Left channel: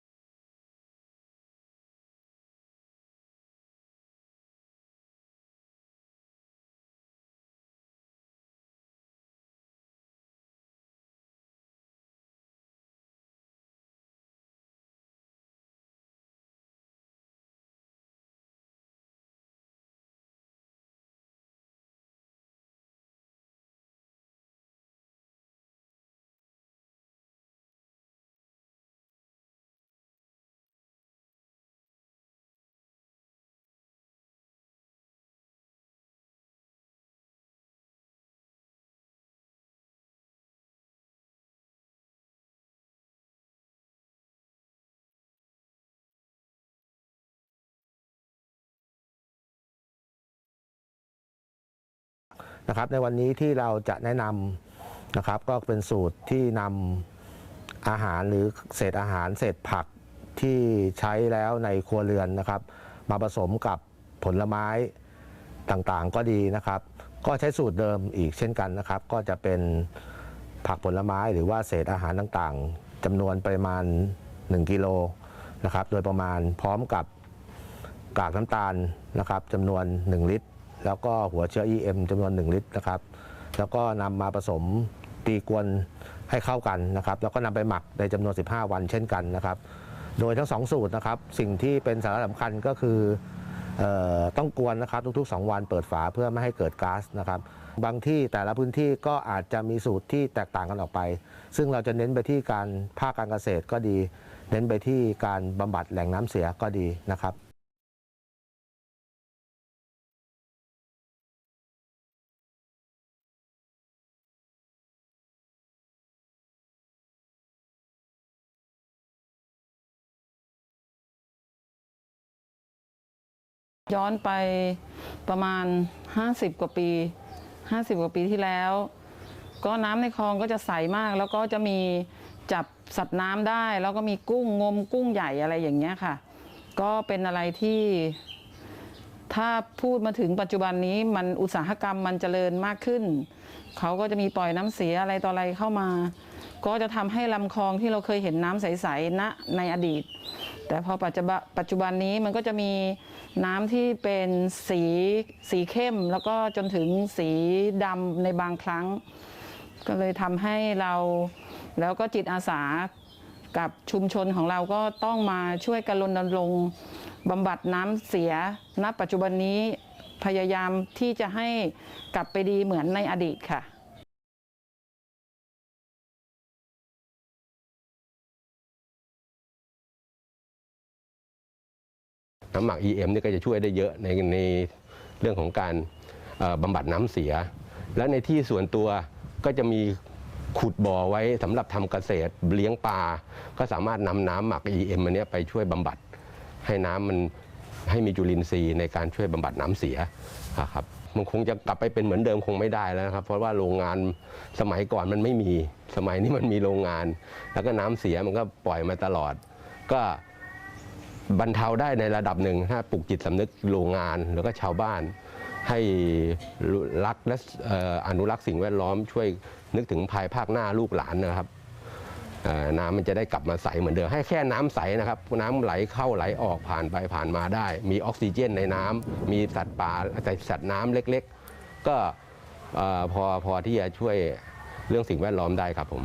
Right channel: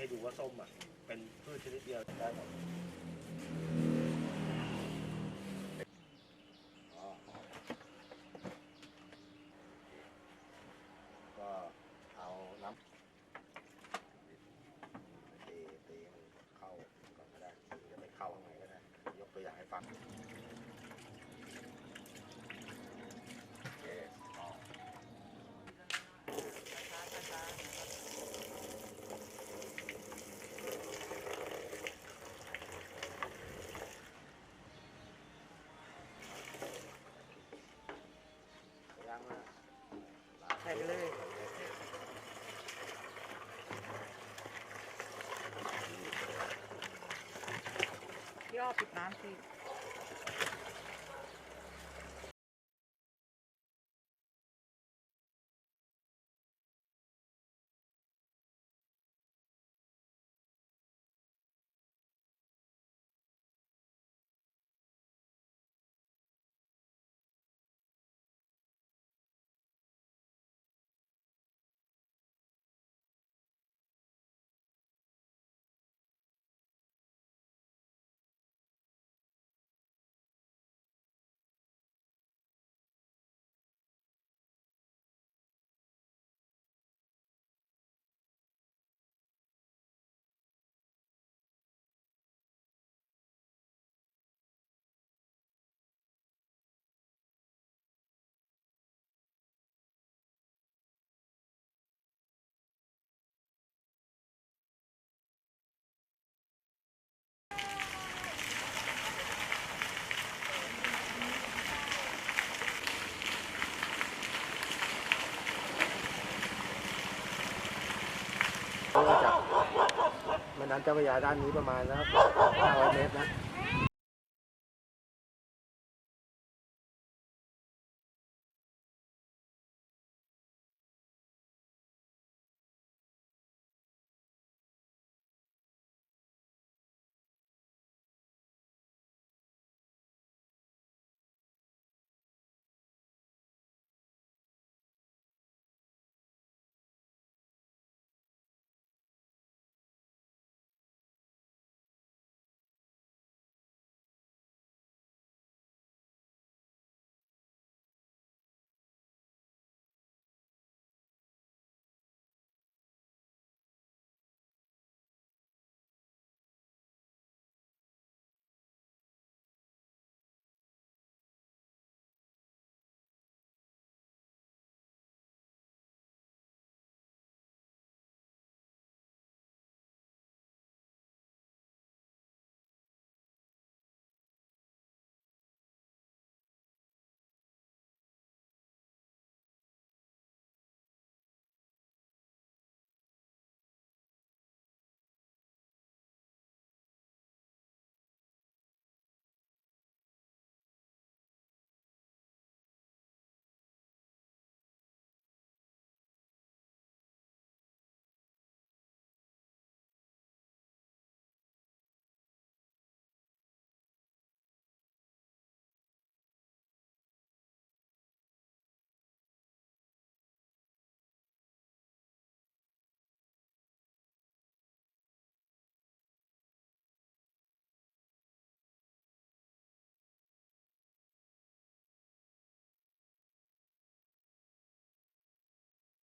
ให้ดูว่าส้มอะ เป็นพืชชนิดเดียวได้หมดก็เอาน้ำตีตีมันเข้าก่อนก็ได้จะไปเข้าข้างในก็ได้ ยกตัวอย่างให้ฟังโอเคอ๋อ ย่างมาก ใส่ไปเลย ย่อปิด น้ำสินะครับ ในวันนี้ที่เราจะแนะนำนะครับ ก็เป็นสูตรที่นำอาหารหรือเศษอาหารเศษผักที่ใช้แล้วในครัวเรือนนะครับ มาผสมกับผลไม้ต่างๆก็ดีนะครับ ก็ใช้สูตรเดิมอีกเช่นกันนะครับ ก็จะเป็นผักผลไม้หรือว่าเศษอาหารต่างๆจำนวนปริมาณ 1 กิโลนะครับ โดยประมาณพร้อมกับ กากน้ำตาลนะครับจำนวน 1 ลิตร แล้วก็หัวเชื้อ EM จำนวน 1 ลิตรนะครับ แล้วก็นำมาผสมตีกวนให้เข้ากันนะครับ แล้วก็นำไปหมักในจำนวน 15 วันเช่นกันนะครับ โดยทั้งสองสูตรนะครับ สิ่งที่เป็นสาระสำคัญก็คือออต้องกวนนะครับทุกๆ 2 วันเปิดฝาเพื่อไม่ให้เกิดก๊าซนะครับ บางที่แต่ละพื้นที่ก็อาจจะมีสูตรที่แตกต่างกันออกไป ซึ่งเราจะเน้นไปที่การภาคการเกษตรก็ดี เน้นไปที่การบำบัดแหล่งน้ำเสียก็ดีนะครับ ก็จากแม่ น้ำเจ้าพระยาด้านนี้ประมาณนะครับ500เมตรนะ ย้อนไปประมาณ 50 กว่าปี 50 กว่าปีที่แล้ว ก็น้ำในคลองก็จะใสมาก แล้วก็จะมีจับสัตว์น้ำได้ แล้วก็มีกุ้งงมกุ้งใหญ่อะไรอย่างเงี้ยค่ะ ก็เป็นอะไรที่ถ้าพูดมาถึงปัจจุบันนี้มันอุตสาหกรรมมันเจริญมากขึ้น เขาก็จะมีปล่อยน้ำเสียอะไรต่ออะไรเข้ามา ก็จะทำให้ลำคลองที่เราเคยเห็นน้ำใสๆณในอดีต แต่พอปัจจุบันปัจจุบันนี้มันก็จะมีน้ำที่เป็นสีสีเข้ม แล้วก็จนถึงสีดำในบางครั้ง ก็เลยทำให้เราแล้วก็จิตอาสากับชุมชนของเราก็ต้องมาช่วยกันรณรงค์บำบัดน้ำเสีย ณ ปัจจุบันนี้พยายามที่จะให้กลับไปดีเหมือนในอดีตค่ะ น้ำหมัก EM นี่ก็จะช่วยได้เยอะในในเรื่องของการบำบัดน้ำเสีย และในที่ส่วนตัวก็จะมีขุดบ่อไว้สำหรับทำเกษตรเลี้ยงปลาก็สามารถนำน้ำหมัก EM อันเนี้ยไปช่วยบำบัด ให้น้ำมันให้มีจุลินทรีย์ในการช่วยบำบัดน้ำเสียครับมันคงจะกลับไปเป็นเหมือนเดิมคงไม่ได้แล้วนะครับ เพราะว่าโรงงานสมัยก่อนมันไม่มี สมัยนี้มันมีโรงงาน แล้วก็น้ำเสียมันก็ปล่อยมาตลอด ก็ บรรเทาได้ในระดับหนึ่งถ้าปลูกจิตสำนึกโรงงานแล้วก็ชาวบ้าน ให้รักและอนุรักษ์สิ่งแวดล้อมช่วยนึกถึงภายภาคหน้าลูกหลานนะครับน้ำมันจะได้กลับมาใสเหมือนเดิมให้แค่น้ำใสนะครับ น้ำไหลเข้าไหลออกผ่านไปผ่านมาได้ มีออกซิเจนในน้ำมีสัตว์ป่าสัตว์น้ำเล็ก ๆ ก็พอพอที่จะช่วยเรื่องสิ่งแวดล้อมได้ครับผม